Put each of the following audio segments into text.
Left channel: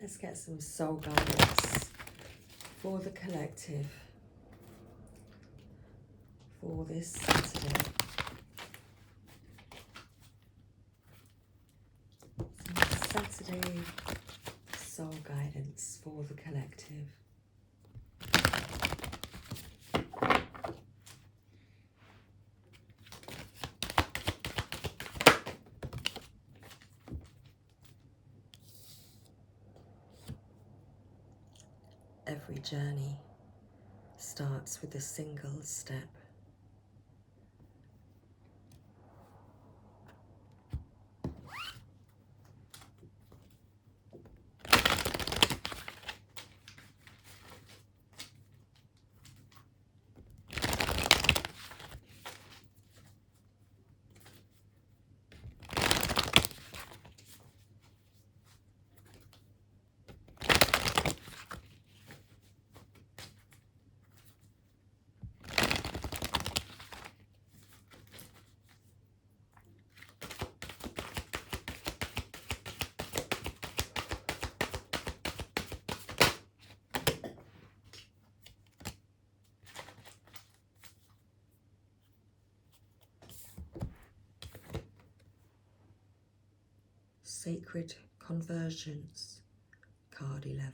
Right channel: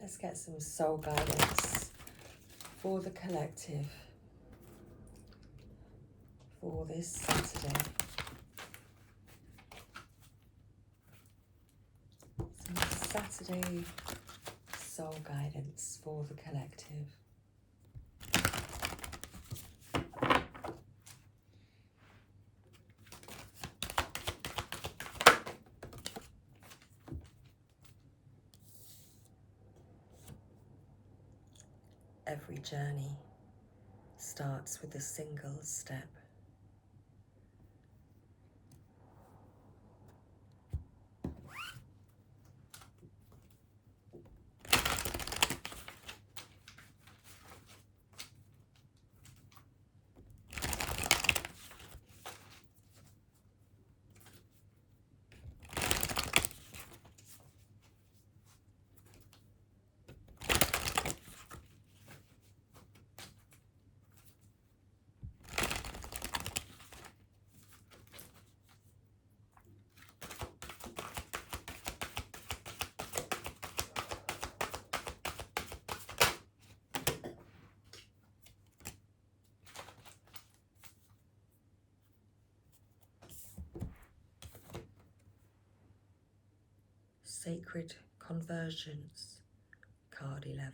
Let's get some soul guidance for the collective for this Saturday. Some Saturday soul guidance for the collective. Every journey starts with a single step. Sacred Conversions, card 11.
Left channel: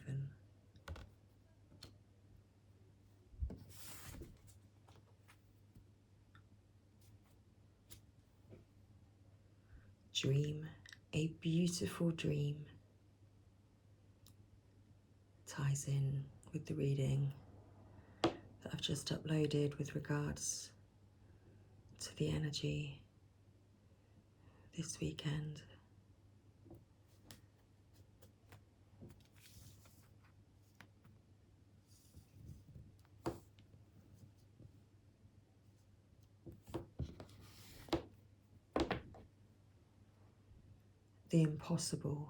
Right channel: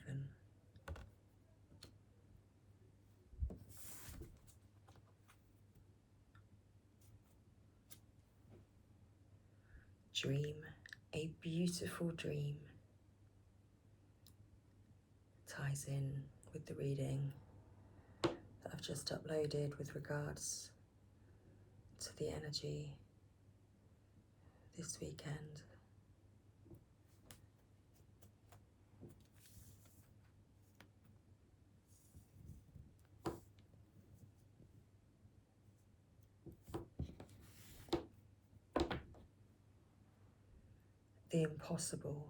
Dream a beautiful dream. Ties in with the reading that I've just uploaded with regards to the energy this weekend. The impossible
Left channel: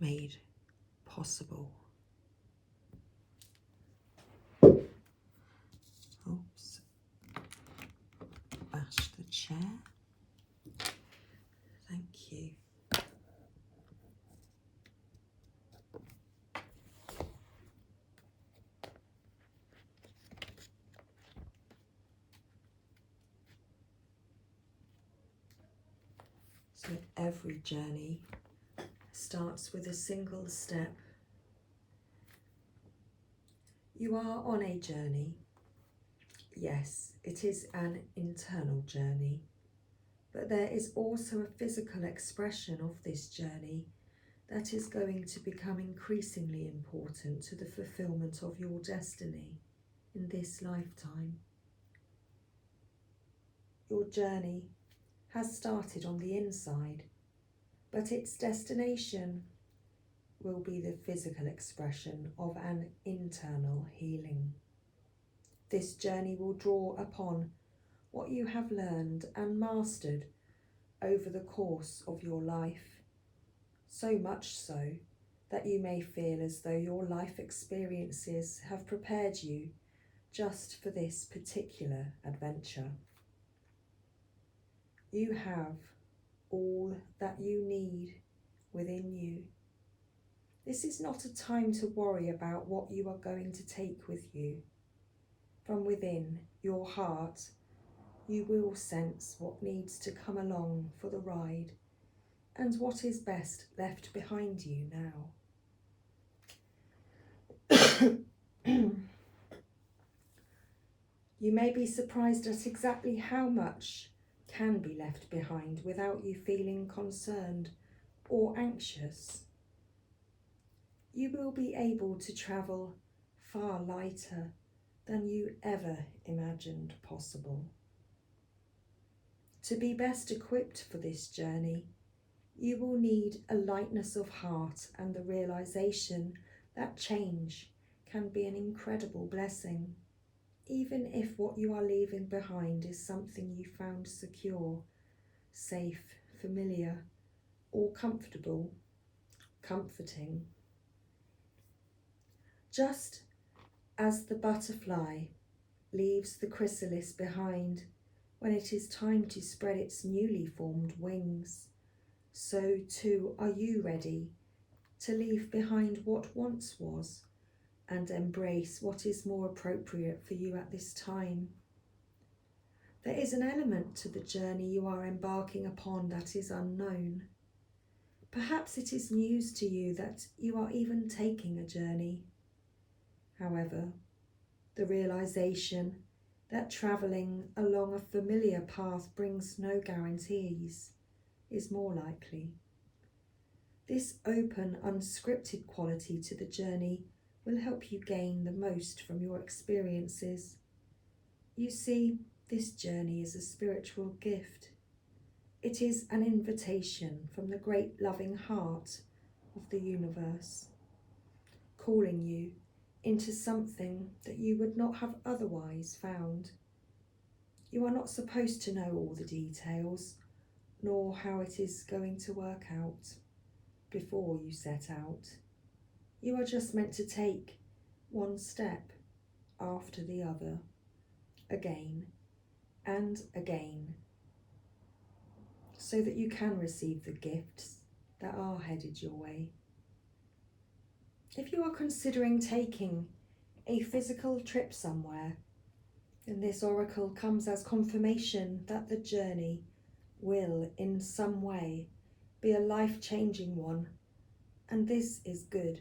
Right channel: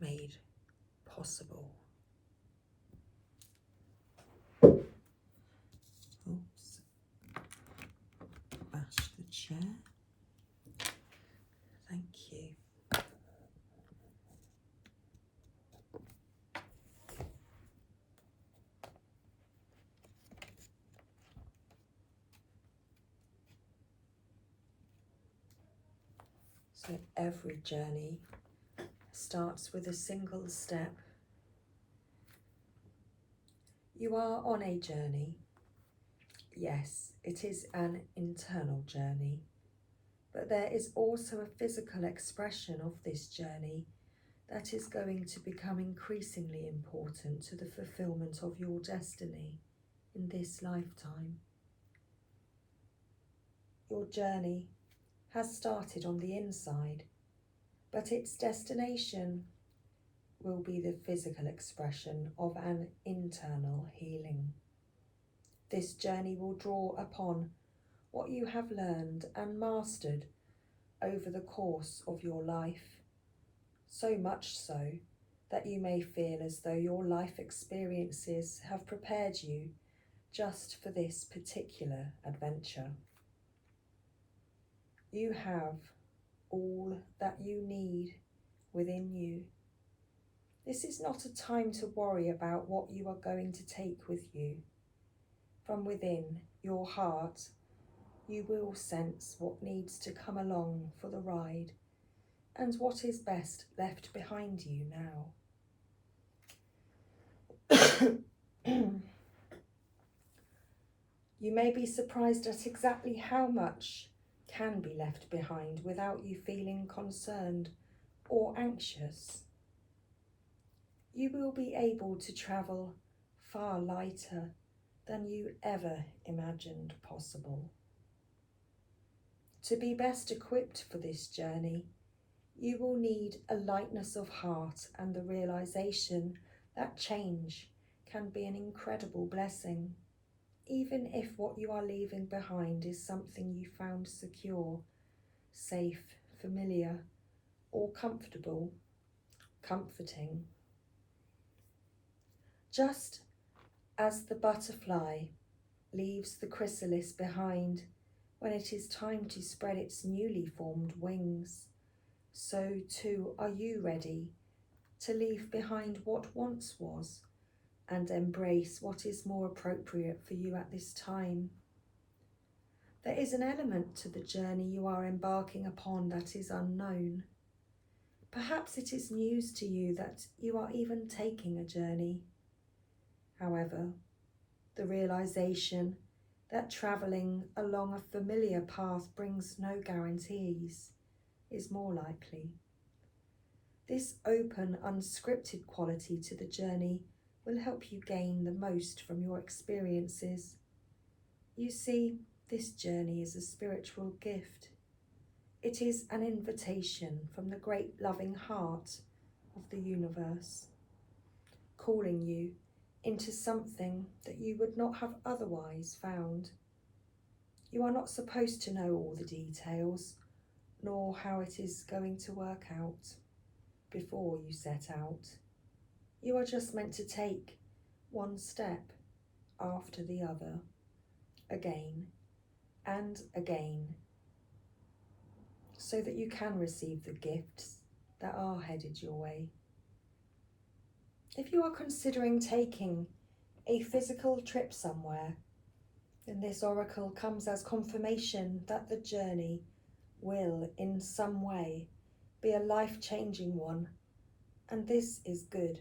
made possible. Oops. Bash the chair. Thank you. So every journey starts with a single step. You are on a journey. Yes, it is an internal journey, but there is also a physical expression of this journey that is going to become increasingly important to the fulfillment of your destiny in this lifetime. Your journey has started on the inside, but its destination will be the physical expression of an internal healing. This journey will draw upon what you have learned and mastered over the course of your life, so much so that you may feel as though your life experiences have prepared you just for this particular adventure. You have all that you need within you. This is not a time to worry about what you are going to take with you. From within your heart, you will sense what needs to come along for the ride and what is best left behind you now. You may be surprised at exactly how much can be left behind without you feeling concerned or anxious. You will be able to travel far lighter than you ever imagined possible. To be best equipped for this journey, you will need a lightness of heart and the realization that change can be an incredible blessing, even if what you are leaving behind is something you found secure, safe, familiar, or comfortable, comforting. Just as the butterfly leaves the chrysalis behind when it is time to spread its newly formed wings, so too are you ready to leave behind what once was and embrace what is more appropriate for you at this time. There is an element to the journey you are embarking upon that is unknown. Perhaps it is news to you that you are even taking a journey. However, the realization that travelling along a familiar path brings no guarantees is more likely. This open, unscripted quality to the journey will help you gain the most from your experiences. You see, this journey is a spiritual gift. It is an invitation from the great loving heart of the universe, calling you into something that you would not have otherwise found. You are not supposed to know all the details, nor how it is going to work out before you set out. You are just meant to take one step after the other, again and again, so that you can receive the gifts that are headed your way. If you are considering taking a physical trip somewhere, then this oracle comes as confirmation that the journey will in some way be a life-changing one, and this is good.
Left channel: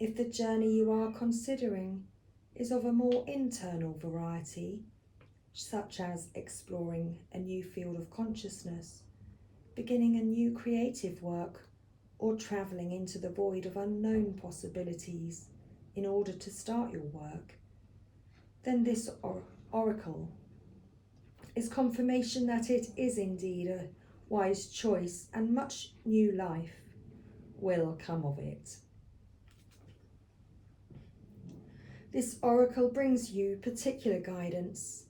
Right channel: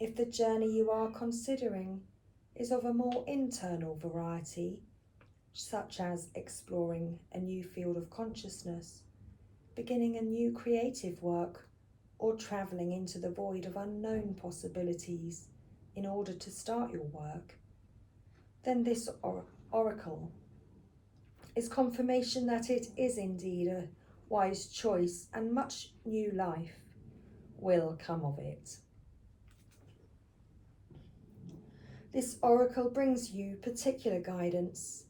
If the journey you are considering is of a more internal variety, such as exploring a new field of consciousness, beginning a new creative work, or travelling into the void of unknown possibilities in order to start your work, then this oracle is confirmation that it is indeed a wise choice and much new life will come of it. This oracle brings you particular guidance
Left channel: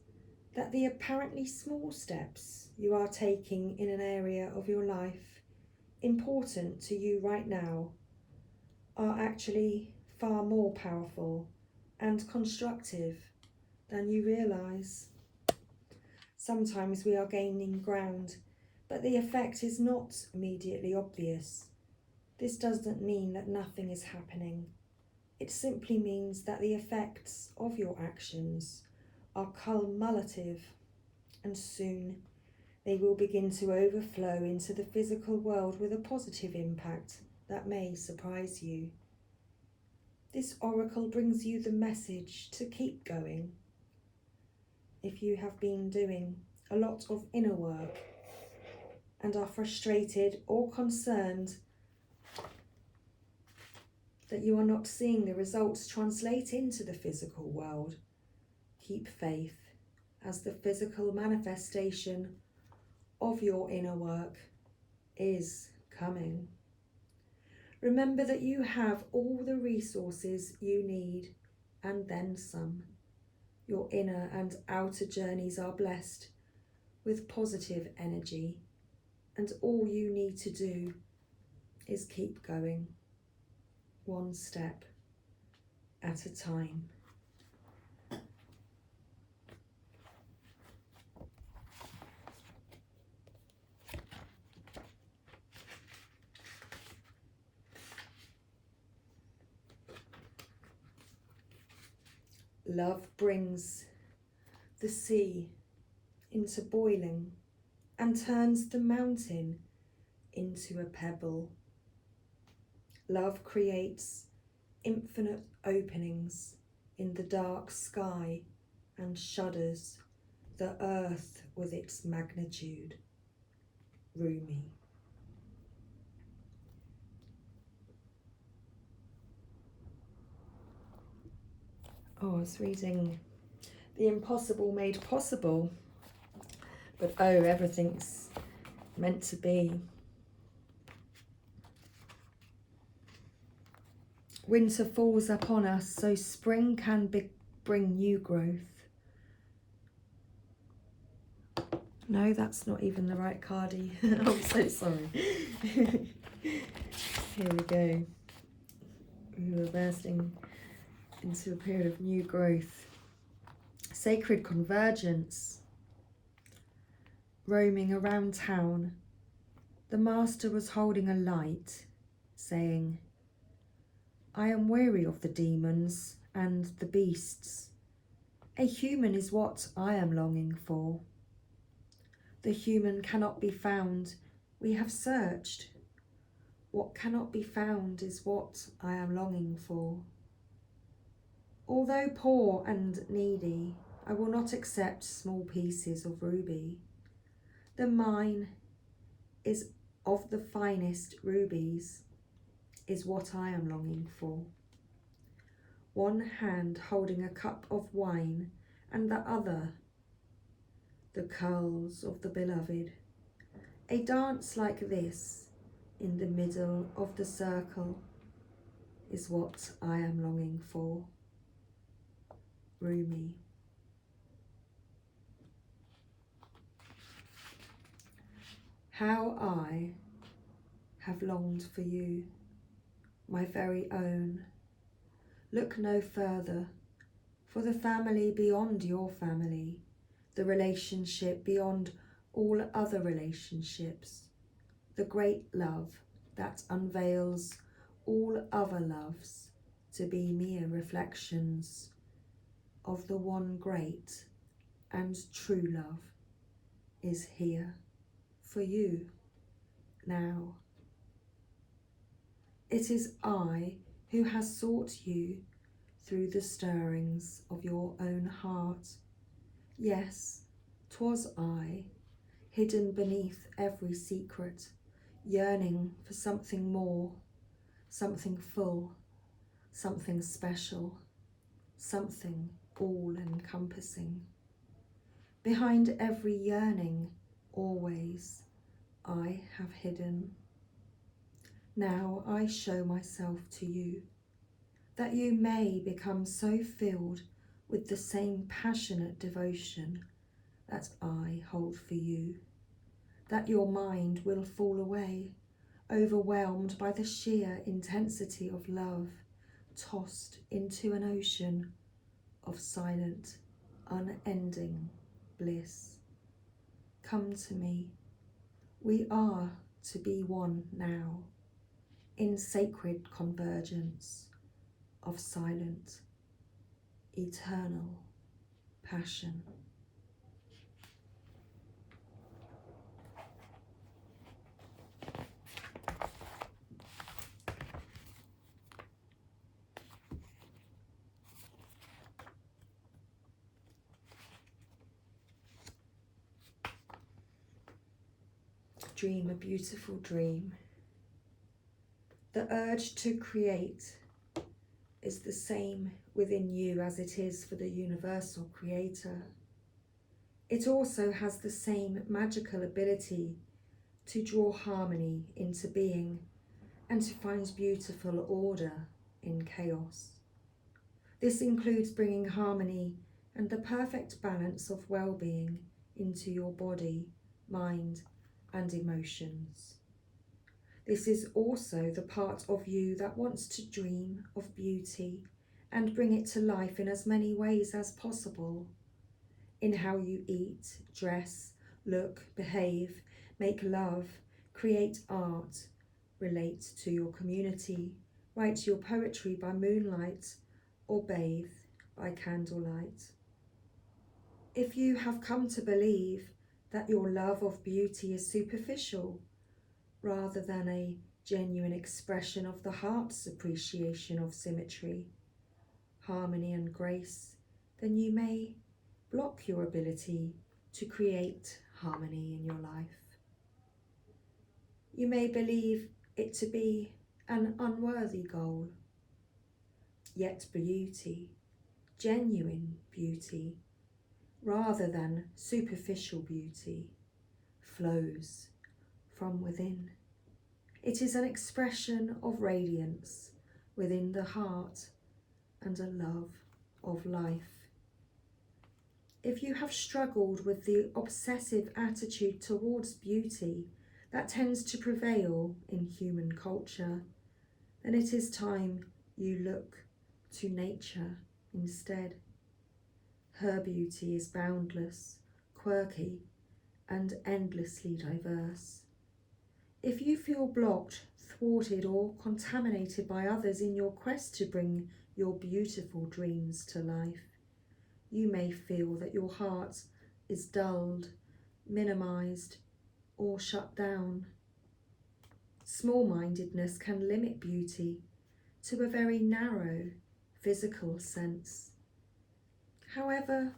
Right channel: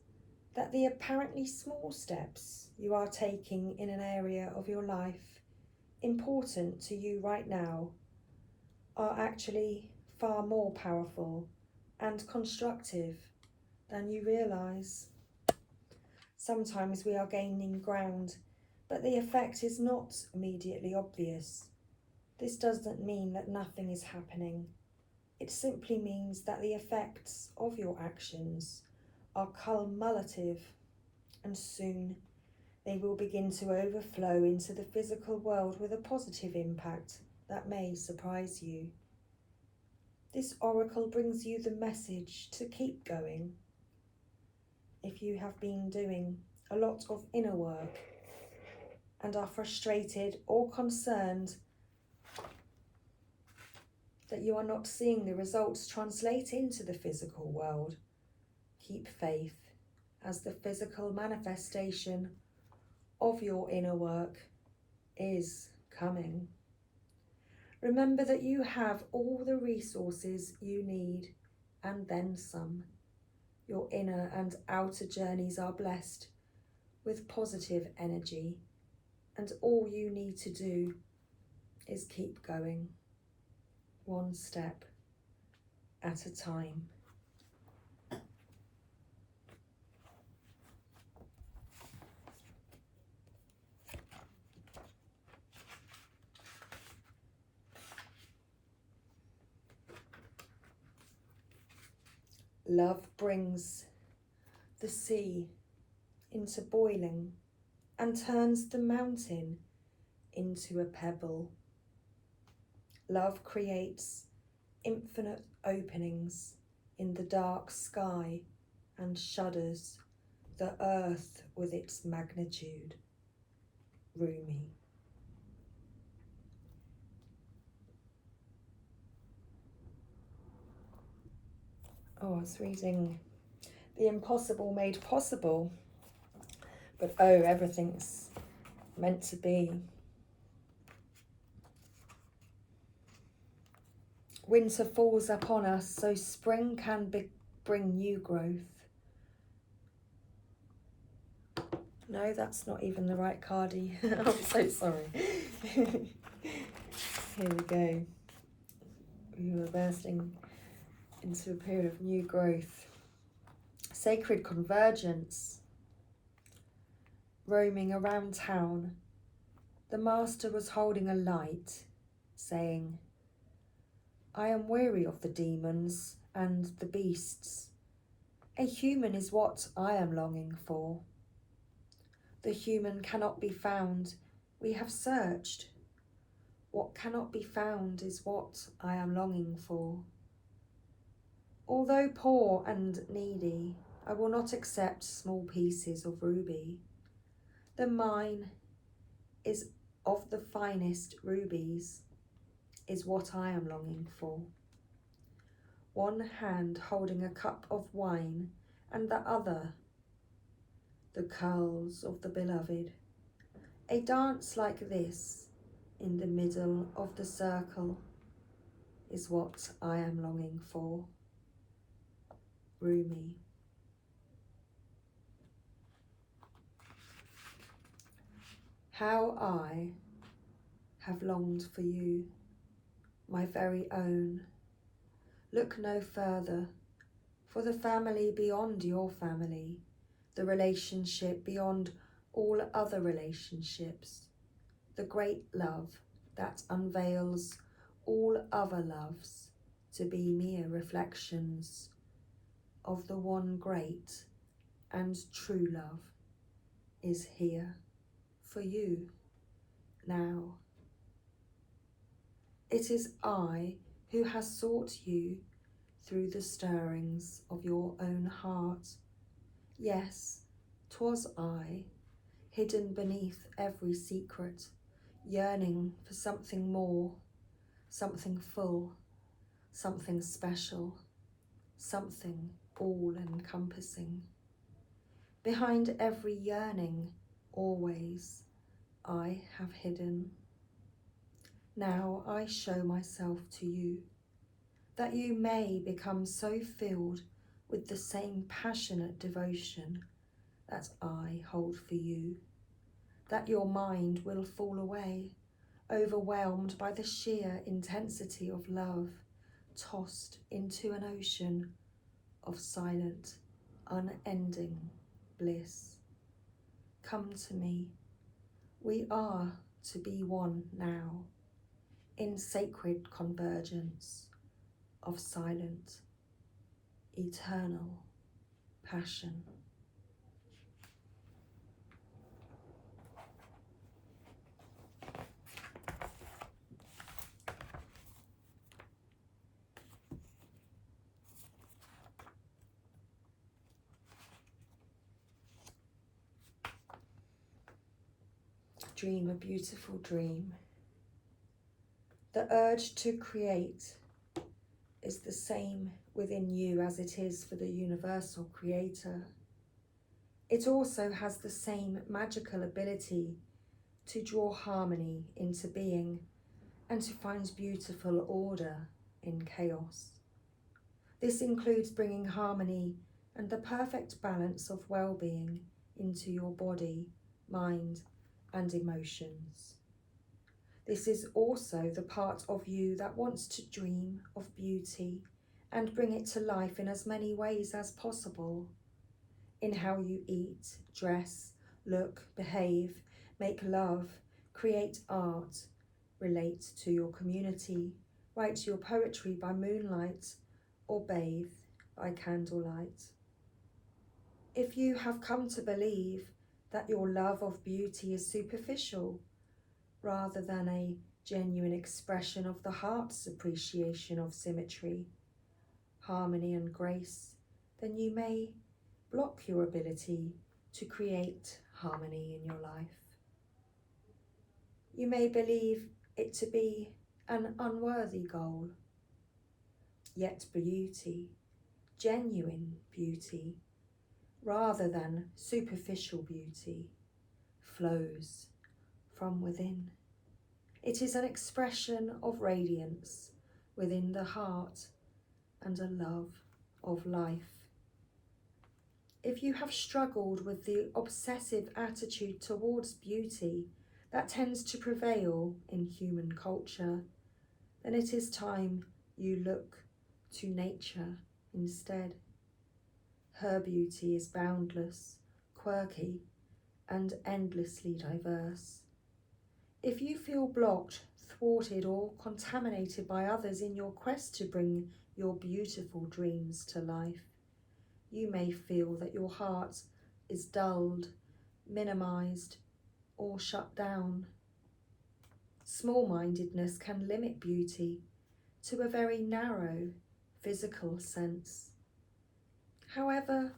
that the apparently small steps you are taking in an area of your life important to you right now are actually far more powerful and constructive than you realise. Sometimes we are gaining ground, but the effect is not immediately obvious. This doesn't mean that nothing is happening. It simply means that the effects of your actions are cumulative, and soon they will begin to overflow into the physical world with a positive impact that may surprise you. This oracle brings you the message to keep going. If you have been doing a lot of inner work and are frustrated or concerned that you are not seeing the results translate into the physical world, keep faith, as the physical manifestation of your inner work is coming. Remember that you have all the resources you need and then some. Your inner and outer journeys are blessed with positive energy, and all you need to do is keep going, one step at a time. Love brings the sea into boiling and turns the mountain into a pebble. Love creates infinite openings in the dark sky and shudders the earth with its magnitude. Rumi. Oh, I was reading The Impossible Made Possible, but oh, everything's meant to be. Winter falls upon us, so spring can bring new growth. No, that's not even the right cardie. I'm so sorry. Here we go. We were bursting into a period of new growth. Sacred convergence. Roaming around town, the master was holding a light saying, I am weary of the demons and the beasts. A human is what I am longing for. The human cannot be found. We have searched. What cannot be found is what I am longing for. Although poor and needy, I will not accept small pieces of ruby. The mine is of the finest rubies, is what I am longing for. One hand holding a cup of wine, and the other the curls of the beloved. A dance like this, in the middle of the circle, is what I am longing for. Rumi. How I have longed for you, my very own. Look no further, for the family beyond your family, the relationship beyond all other relationships, the great love that unveils all other loves to be mere reflections of the one great and true love, is here for you now. It is I who has sought you through the stirrings of your own heart. Yes, 'twas I, hidden beneath every secret, yearning for something more, something full, something special, something all-encompassing. Behind every yearning, always, I have hidden. Now I show myself to you, that you may become so filled with the same passionate devotion that I hold for you, that your mind will fall away, overwhelmed by the sheer intensity of love, tossed into an ocean of silent, unending bliss. Come to me. We are to be one now, in sacred convergence of silent, eternal passion. Dream a beautiful dream. The urge to create is the same within you as it is for the universal creator. It also has the same magical ability to draw harmony into being and to find beautiful order in chaos. This includes bringing harmony and the perfect balance of well-being into your body, mind, and emotions. This is also the part of you that wants to dream of beauty and bring it to life in as many ways as possible. In how you eat, dress, look, behave, make love, create art, relate to your community, write your poetry by moonlight, or bathe by candlelight. If you have come to believe that your love of beauty is superficial, rather than a genuine expression of the heart's appreciation of symmetry, harmony and grace, then you may block your ability to create harmony in your life. You may believe it to be an unworthy goal, yet beauty, genuine beauty, rather than superficial beauty, flows from within. It is an expression of radiance within the heart and a love of life. If you have struggled with the obsessive attitude towards beauty that tends to prevail in human culture, then it is time you look to nature instead. Her beauty is boundless, quirky, and endlessly diverse. If you feel blocked, thwarted or contaminated by others in your quest to bring your beautiful dreams to life. You may feel that your heart is dulled, minimized, or shut down. Small-mindedness can limit beauty to a very narrow physical sense. However,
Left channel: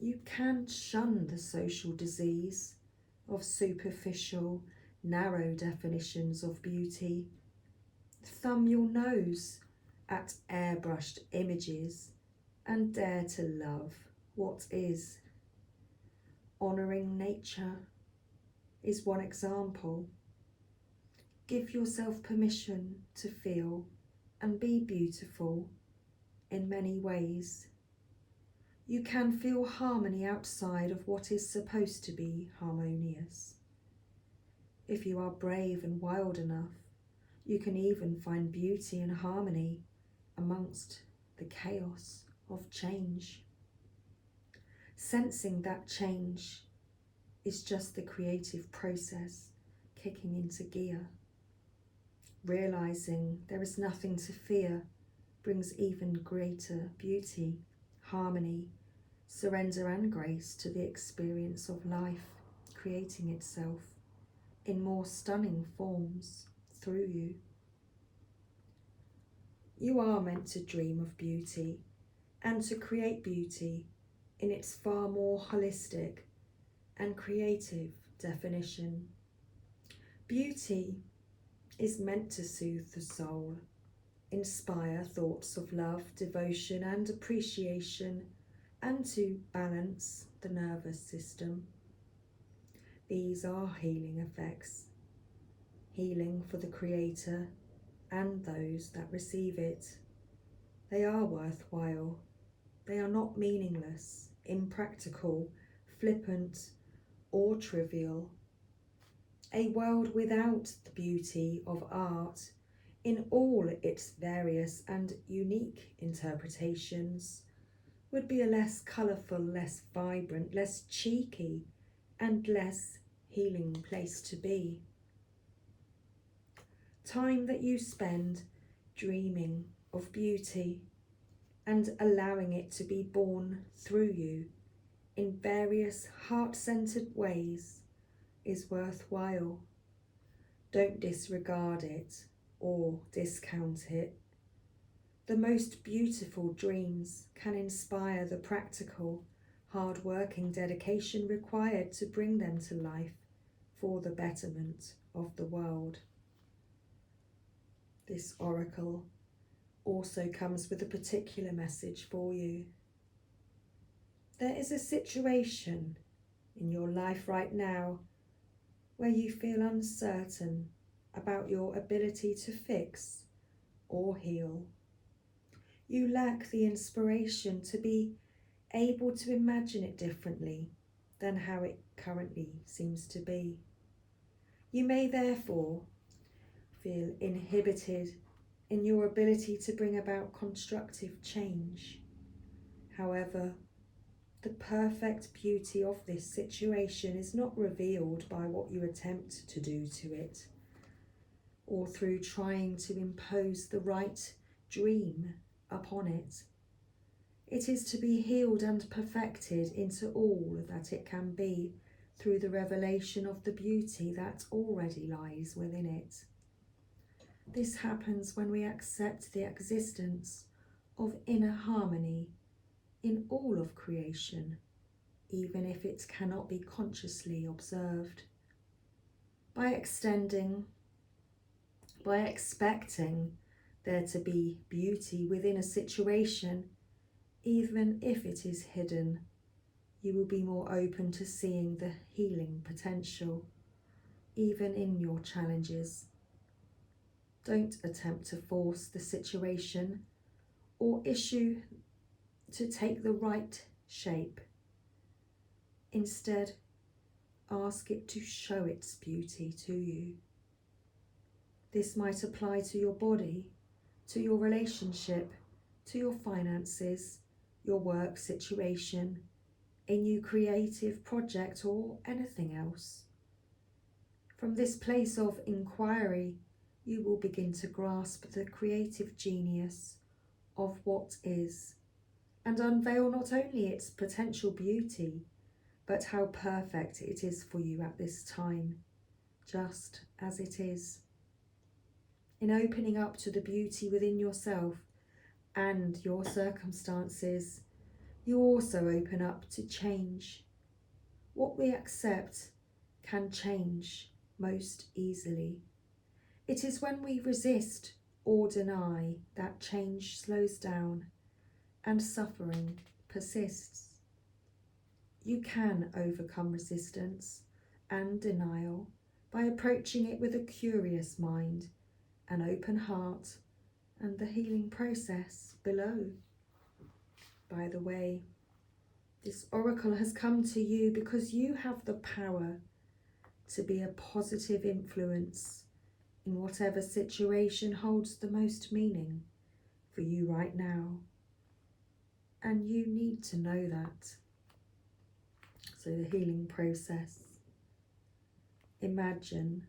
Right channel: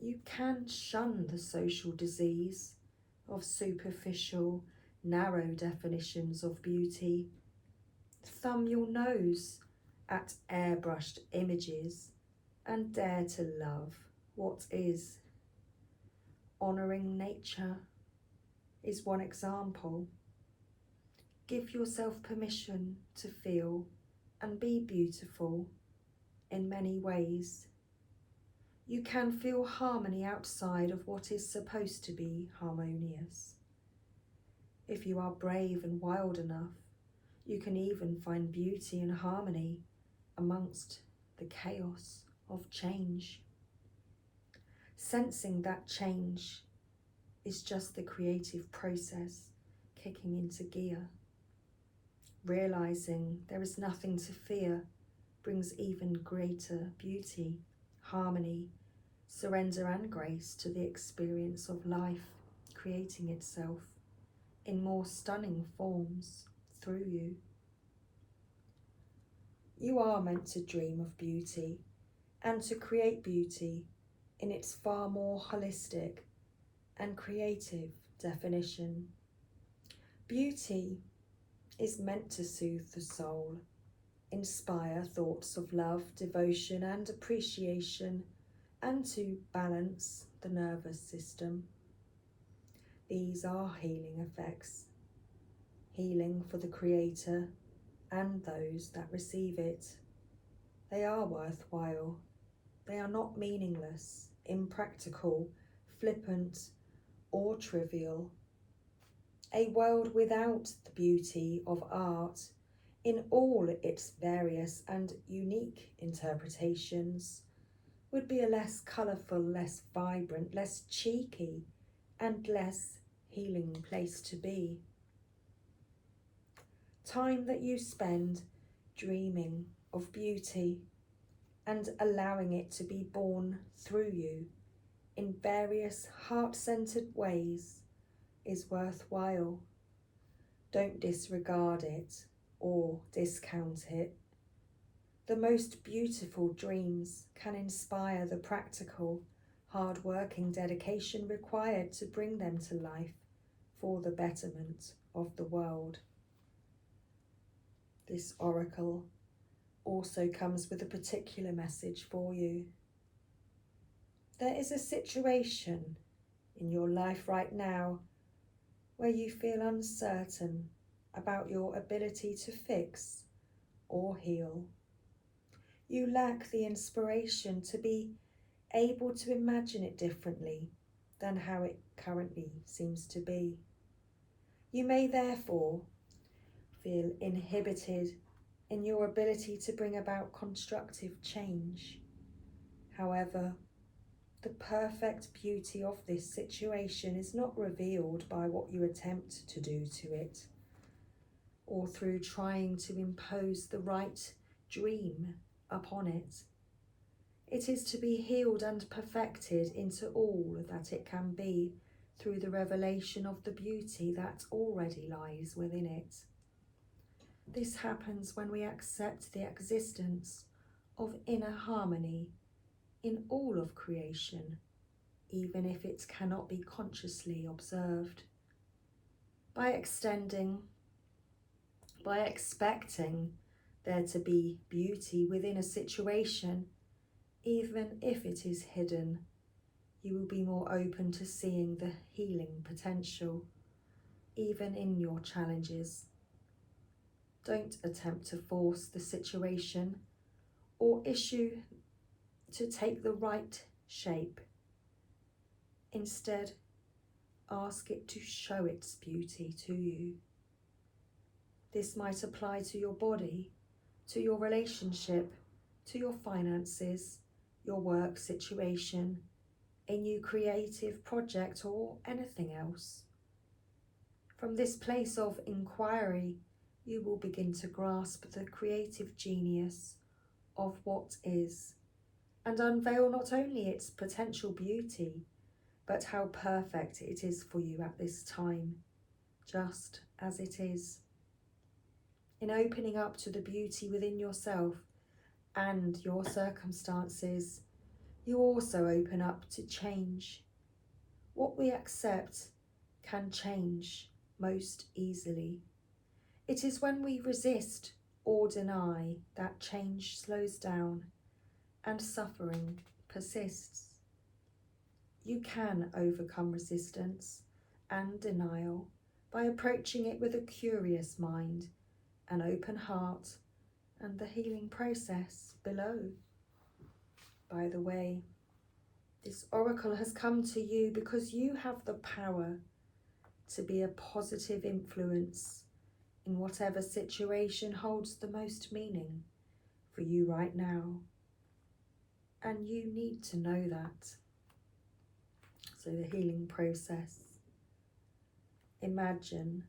you can shun the social disease of superficial, narrow definitions of beauty. Thumb your nose at airbrushed images and dare to love what is. Honouring nature is one example. Give yourself permission to feel and be beautiful in many ways. You can feel harmony outside of what is supposed to be harmonious. If you are brave and wild enough, you can even find beauty and harmony amongst the chaos of change. Sensing that change is just the creative process kicking into gear. Realizing there is nothing to fear brings even greater beauty, harmony, surrender and grace to the experience of life creating itself in more stunning forms through you. You are meant to dream of beauty and to create beauty in its far more holistic and creative definition. Beauty is meant to soothe the soul, inspire thoughts of love, devotion and appreciation, and to balance the nervous system. These are healing effects, healing for the creator and those that receive it. They are worthwhile. They are not meaningless, impractical, flippant, or trivial. A world without the beauty of art in all its various and unique interpretations would be a less colourful, less vibrant, less cheeky, and less healing place to be. Time that you spend dreaming of beauty and allowing it to be born through you in various heart-centered ways is worthwhile. Don't disregard it or discount it. The most beautiful dreams can inspire the practical, hard-working dedication required to bring them to life for the betterment of the world. This oracle also comes with a particular message for you. There is a situation in your life right now where you feel uncertain about your ability to fix or heal. You lack the inspiration to be able to imagine it differently than how it currently seems to be. You may therefore feel inhibited in your ability to bring about constructive change. However, the perfect beauty of this situation is not revealed by what you attempt to do to it, or through trying to impose the right dream upon it. It is to be healed and perfected into all that it can be through the revelation of the beauty that already lies within it. This happens when we accept the existence of inner harmony in all of creation, even if it cannot be consciously observed. By expecting there to be beauty within a situation, even if it is hidden, you will be more open to seeing the healing potential, even in your challenges. Don't attempt to force the situation or issue to take the right shape. Instead, ask it to show its beauty to you. This might apply to your body, to your relationship, to your finances, your work situation, a new creative project, or anything else. From this place of inquiry, you will begin to grasp the creative genius of what is, and unveil not only its potential beauty, but how perfect it is for you at this time, just as it is. In opening up to the beauty within yourself and your circumstances, you also open up to change. What we accept can change most easily. It is when we resist or deny that change slows down and suffering persists. You can overcome resistance and denial by approaching it with a curious mind, an open heart, and the healing process below. By the way, this oracle has come to you because you have the power to be a positive influence in whatever situation holds the most meaning for you right now. And you need to know that. So the healing process. Imagine,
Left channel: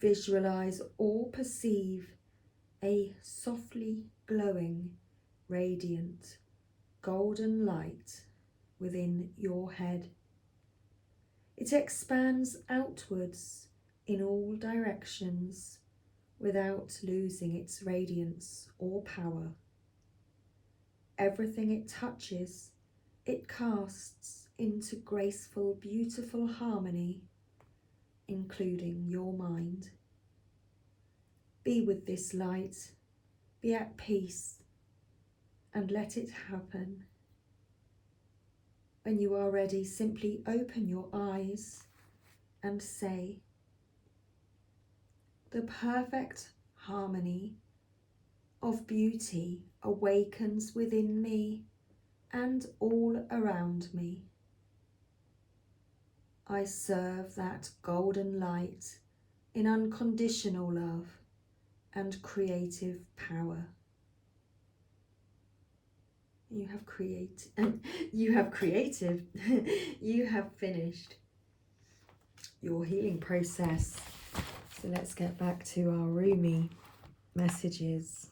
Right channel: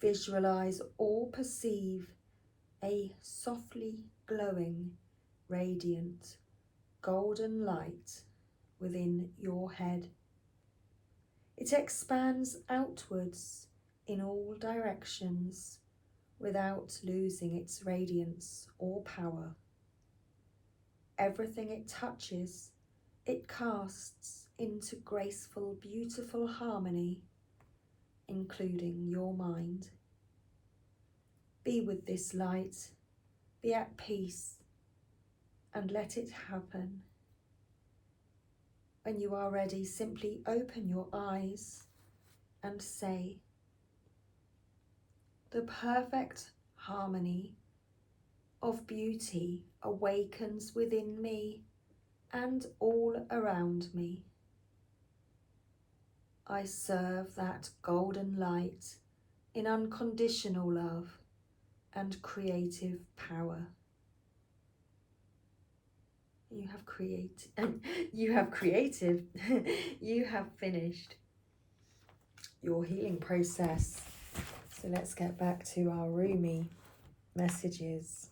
visualize or perceive a softly glowing, radiant, golden light within your head. It expands outwards in all directions without losing its radiance or power. Everything it touches, it casts into graceful, beautiful harmony, including your mind. Be with this light, be at peace, and let it happen. When you are ready, simply open your eyes and say, "The perfect harmony of beauty awakens within me and all around me. I serve that golden light in unconditional love and creative power." You have finished your healing process. So let's get back to our Rumi messages.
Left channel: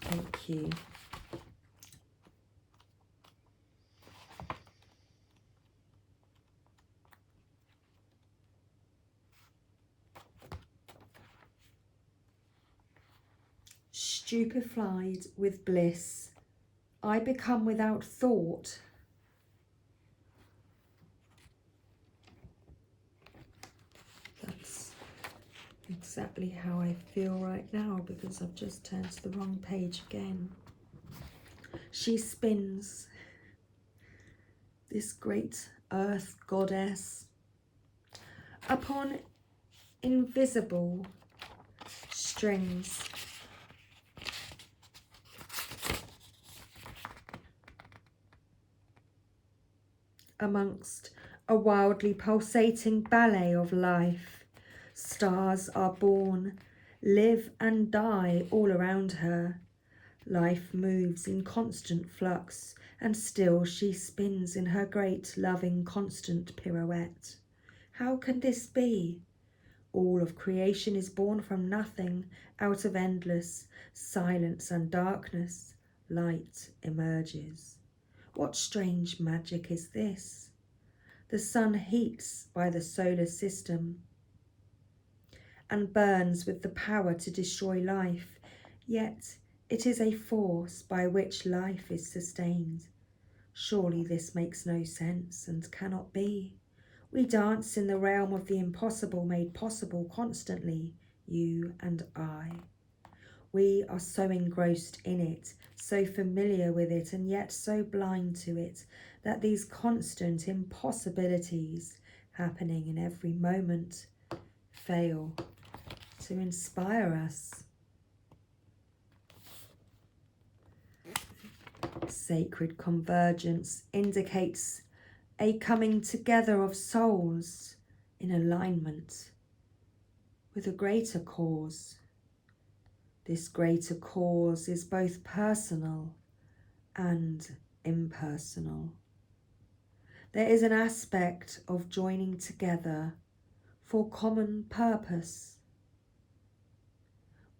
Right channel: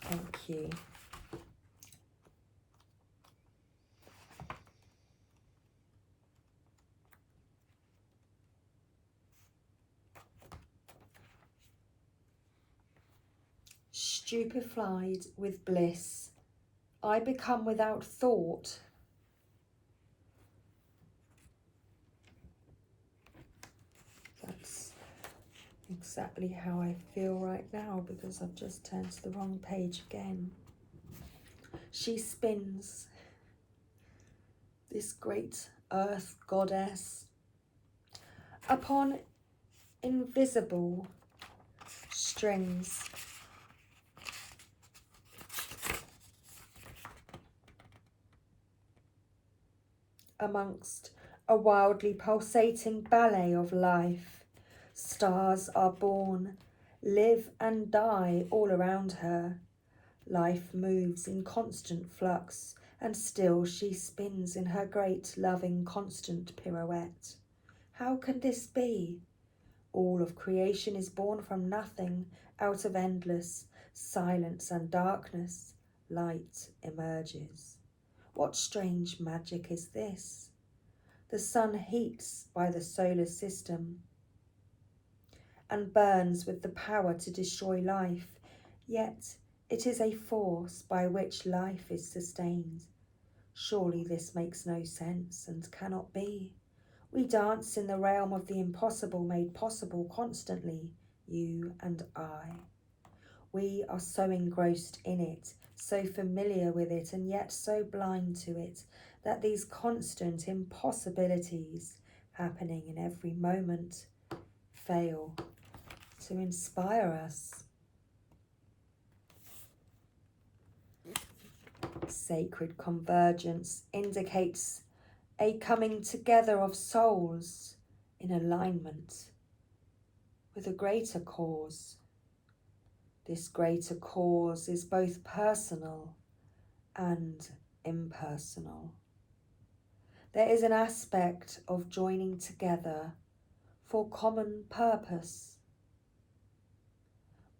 Thank you. Stupefied with bliss, I become without thought. That's exactly how I feel right now, because I've just turned to the wrong page again. She spins, this great earth goddess, upon invisible strings. Amongst a wildly pulsating ballet of life, stars are born, live and die all around her. Life moves in constant flux, and still she spins in her great, loving, constant pirouette. How can this be? All of creation is born from nothing, out of endless silence and darkness. Light emerges. What strange magic is this? The sun heats by the solar system and burns with the power to destroy life, yet it is a force by which life is sustained. Surely this makes no sense and cannot be. We dance in the realm of the impossible made possible constantly, you and I. We are so engrossed in it, so familiar with it, and yet so blind to it, that these constant impossibilities happening in every moment fail to inspire us. Sacred convergence indicates a coming together of souls in alignment with a greater cause. This greater cause is both personal and impersonal. There is an aspect of joining together for common purpose,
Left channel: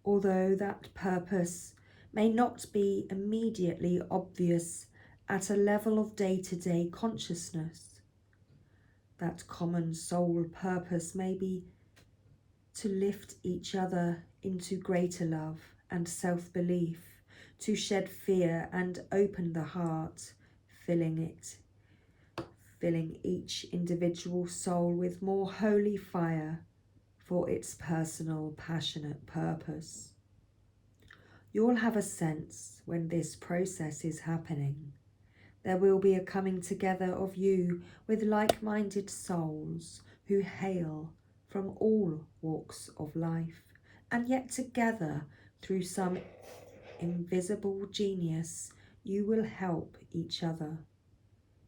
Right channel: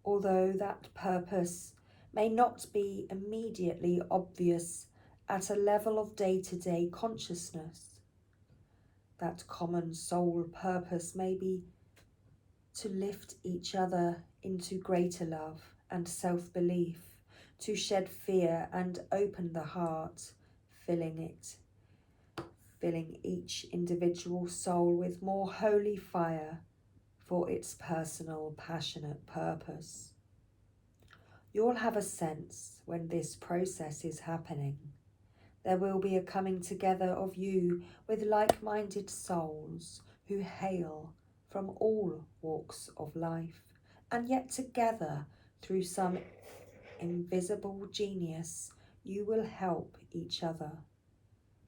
although that purpose may not be immediately obvious at a level of day-to-day consciousness. That common soul purpose may be to lift each other into greater love and self-belief, to shed fear and open the heart, filling each individual soul with more holy fire for its personal, passionate purpose. You'll have a sense when this process is happening. There will be a coming together of you with like-minded souls who hail from all walks of life, and yet together through some invisible genius you will help each other.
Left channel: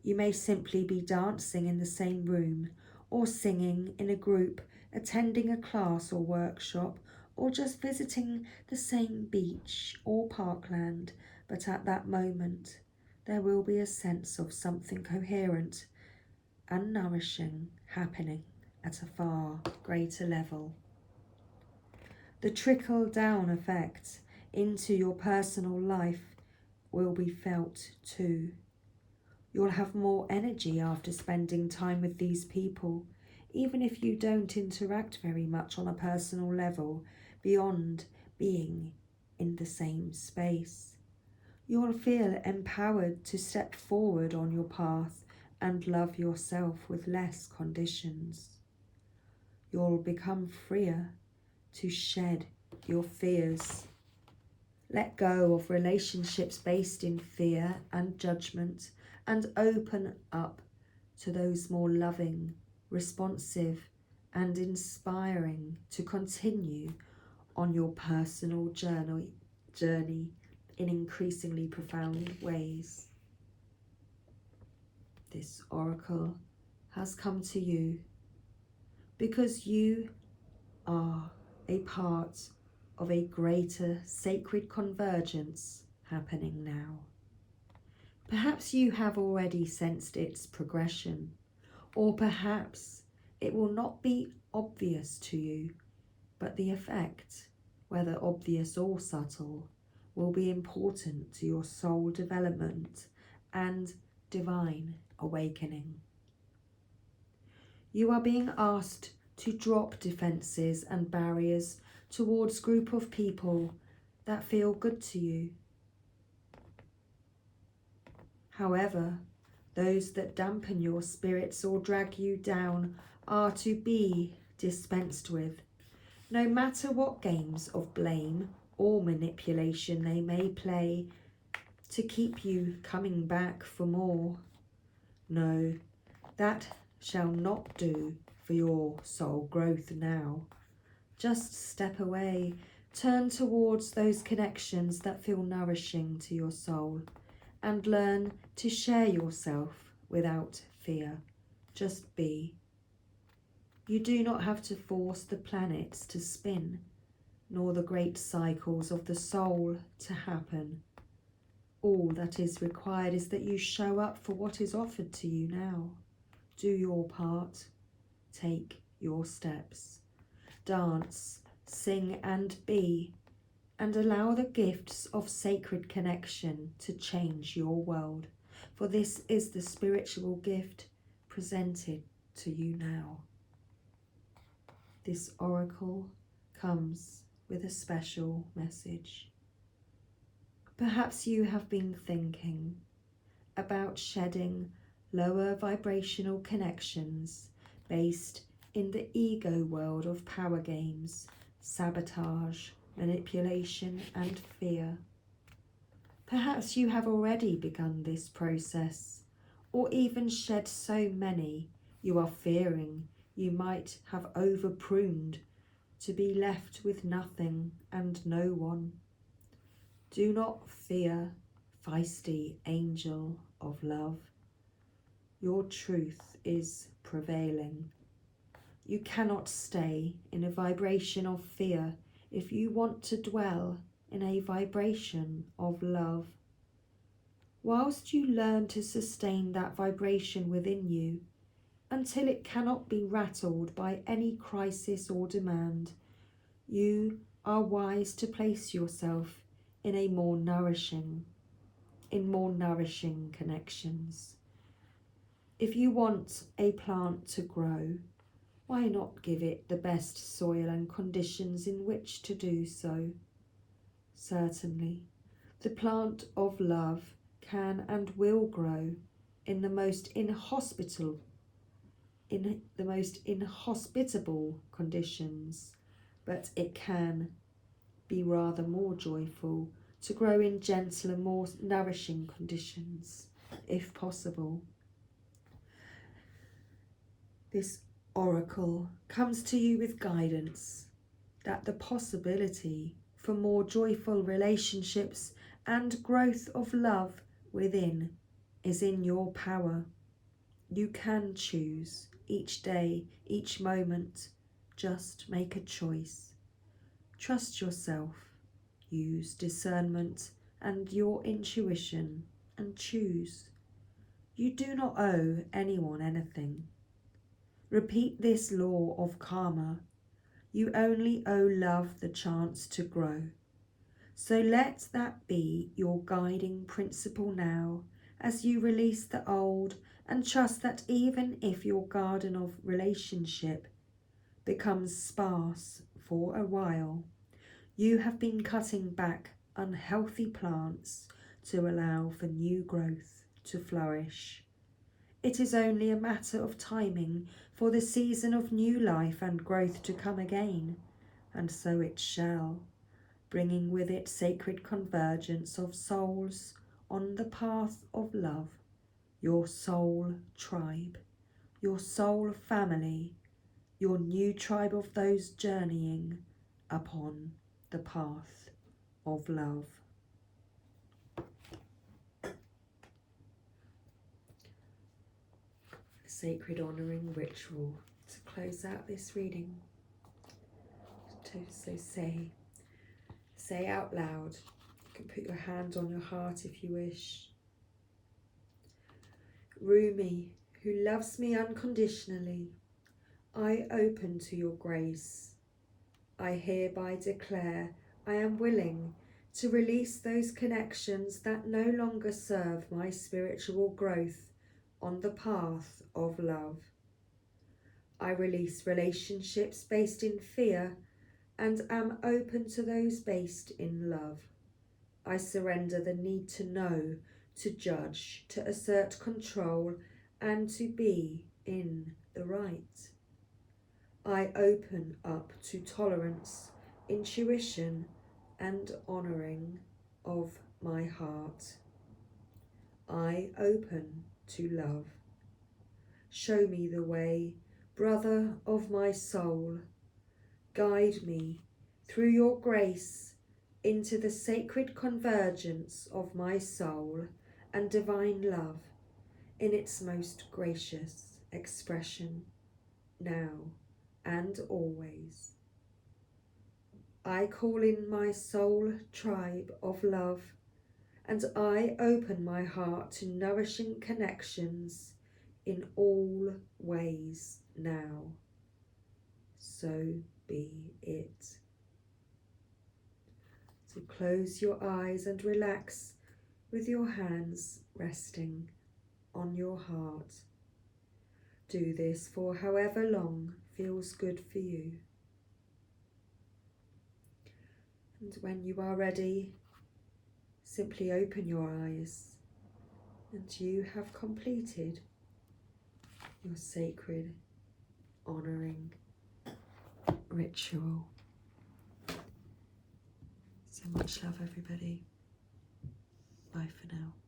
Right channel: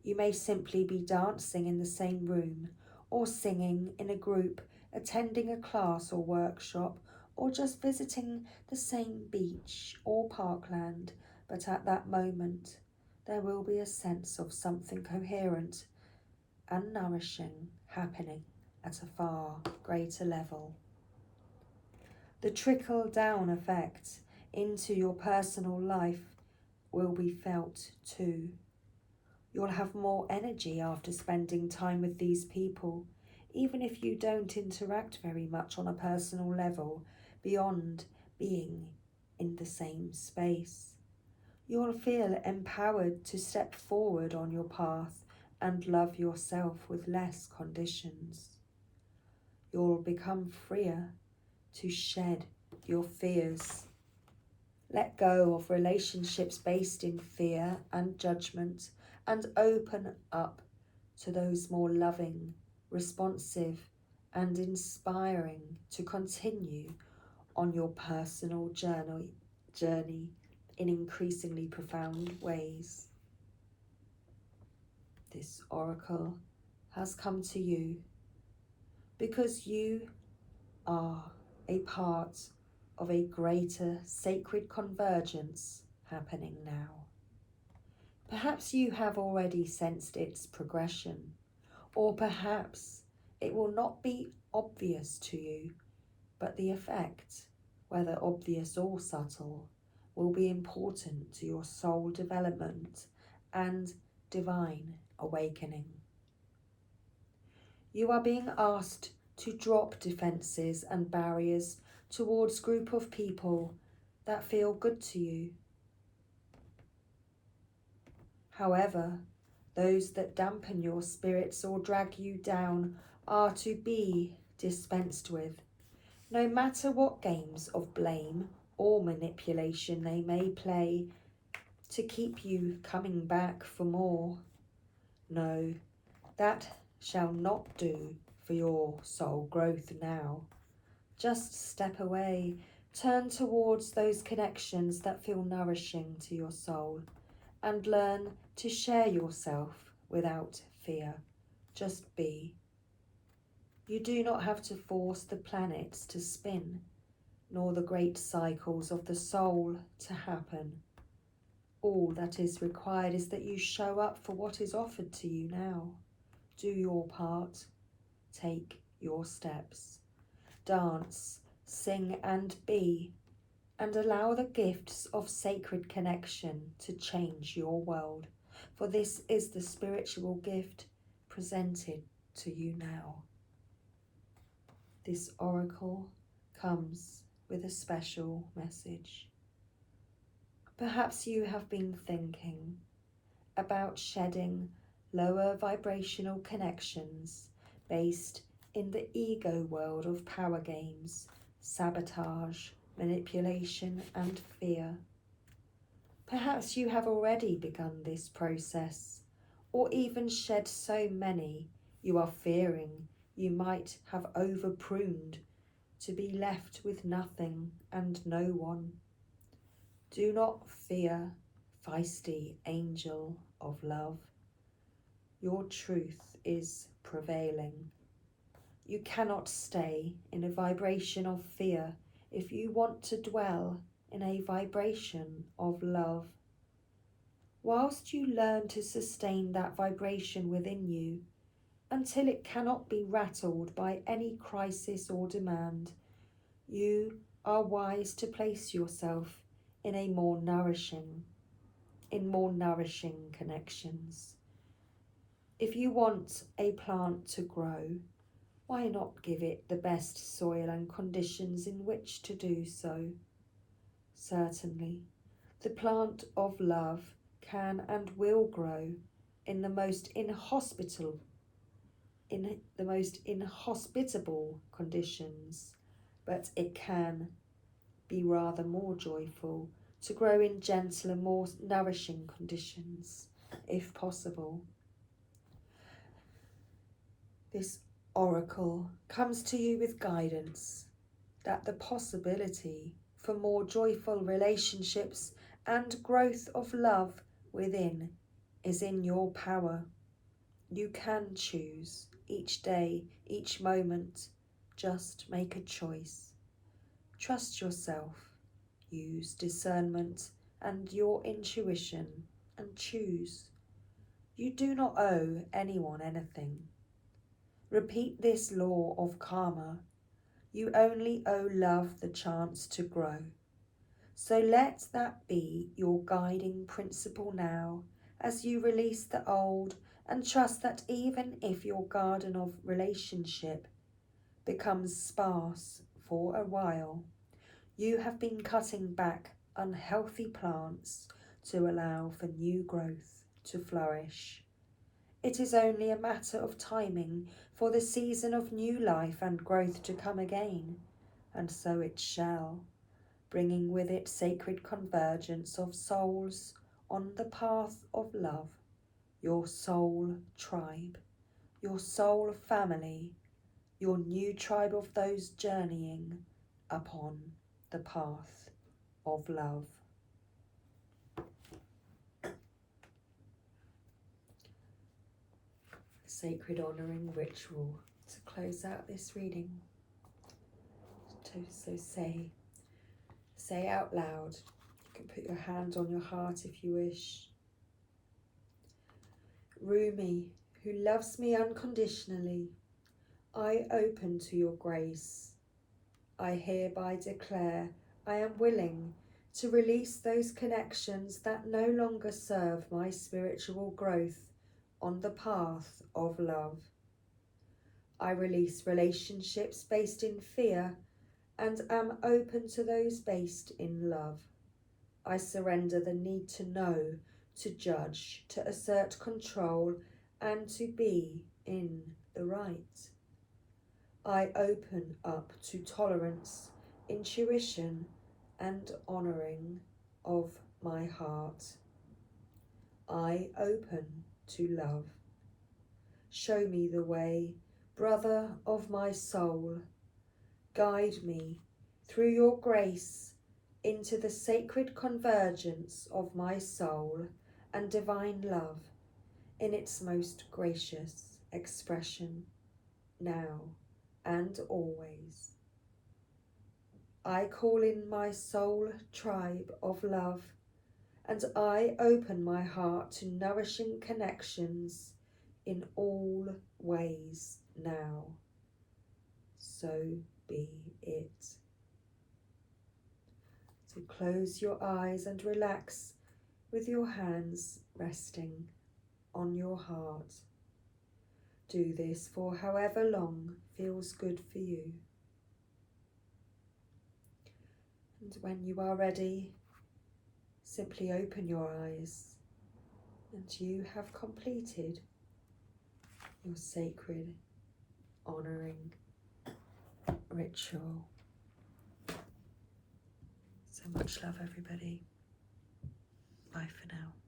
You may simply be dancing in the same room, or singing in a group, attending a class or workshop, or just visiting the same beach or parkland, but at that moment there will be a sense of something coherent and nourishing happening at a far greater level. The trickle-down effect into your personal life will be felt too. You'll have more energy after spending time with these people, even if you don't interact very much on a personal level beyond being in the same space. You'll feel empowered to step forward on your path and love yourself with less conditions. You'll become freer to shed your fears. Let go of relationships based in fear and judgment and open up to those more loving, responsive, and inspiring to continue on your personal journey in increasingly profound ways. This oracle has come to you because you are a part of a greater sacred convergence happening now. Perhaps you have already sensed its progression, or perhaps it will not be obvious to you, but the effect, whether obvious or subtle, will be important to your soul development and divine awakening. You are being asked to drop defenses and barriers towards a group of people that feel good to you. However, those that dampen your spirits or drag you down are to be dispensed with, no matter what games of blame or manipulation they may play to keep you coming back for more. No, that shall not do for your soul growth now. Just step away, turn towards those connections that feel nourishing to your soul, and learn to share yourself without fear. Just be. You do not have to force the planets to spin, nor the great cycles of the soul to happen. All that is required is that you show up for what is offered to you now. Do your part. Take your steps. Dance, sing and be, and allow the gifts of sacred connection to change your world, for this is the spiritual gift presented to you now. This oracle comes with a special message. Perhaps you have been thinking about shedding lower vibrational connections based in the ego world of power games, sabotage, manipulation and fear. Perhaps you have already begun this process, or even shed so many you are fearing you might have over-pruned to be left with nothing and no one. Do not fear, feisty angel of love. Your truth is prevailing. You cannot stay in a vibration of fear if you want to dwell in a vibration of love. whilst you learn to sustain that vibration within you until it cannot be rattled by any crisis or demand, you are wise to place yourself in more nourishing connections. If you want a plant to grow, why not give it the best soil and conditions in which to do so? Certainly, the plant of love can and will grow in the most inhospitable conditions, but it can be rather more joyful to grow in gentler, more nourishing conditions, if possible. This oracle comes to you with guidance that the possibility for more joyful relationships and growth of love within is in your power. You can choose each day, each moment. Just make a choice. Trust yourself. Use discernment and your intuition and choose. You do not owe anyone anything. Repeat this law of karma. You only owe love the chance to grow. So let that be your guiding principle now as you release the old and trust that even if your garden of relationship becomes sparse for a while, you have been cutting back unhealthy plants to allow for new growth to flourish. It is only a matter of timing for the season of new life and growth to come again, and so it shall, bringing with it sacred convergence of souls on the path of love, your soul tribe, your soul family, your new tribe of those journeying upon the path of love. Sacred honouring ritual to close out this reading. So say out loud. You can put your hand on your heart if you wish. Rumi, who loves me unconditionally, I open to your grace. I hereby declare I am willing to release those connections that no longer serve my spiritual growth on the path of love. I release relationships based in fear and am open to those based in love. I surrender the need to know, to judge, to assert control, and to be in the right. I open up to tolerance, intuition, and honouring of my heart. I open to love. Show me the way, brother of my soul. Guide me through your grace into the sacred convergence of my soul and divine love in its most gracious expression, now and always. I call in my soul tribe of love, and I open my heart to nourishing connections in all ways now. So be it. So close your eyes and relax with your hands resting on your heart. Do this for however long feels good for you. And when you are ready, simply open your eyes and you have completed your sacred honouring ritual. So much love, everybody. Bye for now.